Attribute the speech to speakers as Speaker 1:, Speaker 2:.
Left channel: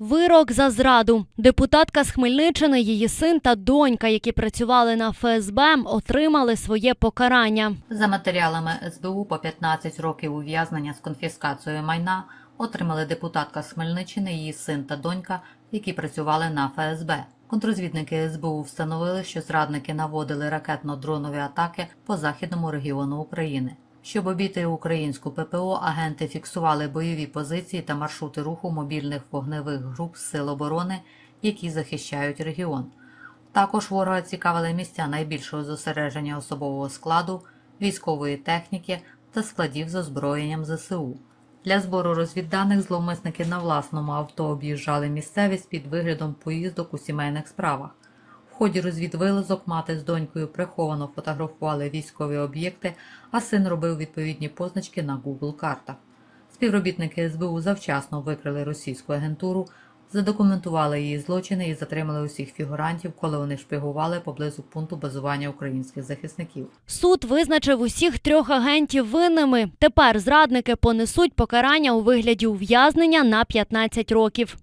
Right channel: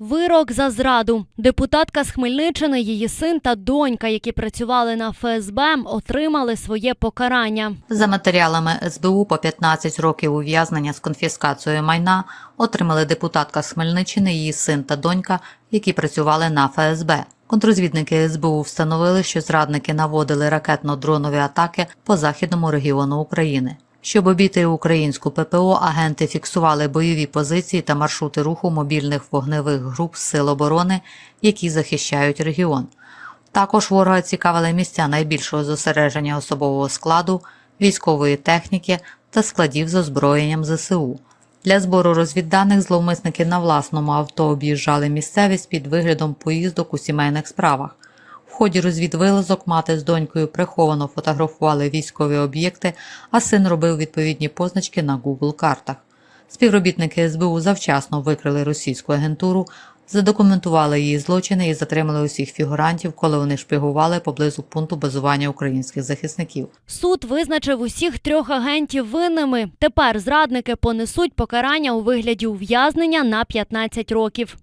Speaker 1: Вирок за зраду. Депутатка з Хмельниччини, її син та донька, які працювали на ФСБ, отримали своє покарання.
Speaker 2: За матеріалами СБУ по 15 років ув'язнення з конфіскацією майна отримали депутатка з Хмельниччини, її син та донька, які працювали на ФСБ. Контрозвідники СБУ встановили, що зрадники наводили ракетно-дронові атаки по західному регіону України. Щоб обійти українську ППО, агенти фіксували бойові позиції та маршрути руху мобільних вогневих груп Сил оборони, які захищають регіон. Також ворога цікавили місця найбільшого зосередження особового складу, військової техніки та складів з озброєнням ЗСУ. Для збору розвідданих зловмисники на власному авто об'їжджали місцевість під виглядом поїздок у сімейних справах. Ході розвідвилазок мати з донькою приховано фотографували військові об'єкти, а син робив відповідні позначки на Google картах. Співробітники СБУ завчасно викрили російську агентуру, задокументували її злочини і затримали усіх фігурантів, коли вони шпигували поблизу пункту базування українських захисників.
Speaker 1: Суд визначив усіх трьох агентів винними. Тепер зрадники понесуть покарання у вигляді ув'язнення на 15 років.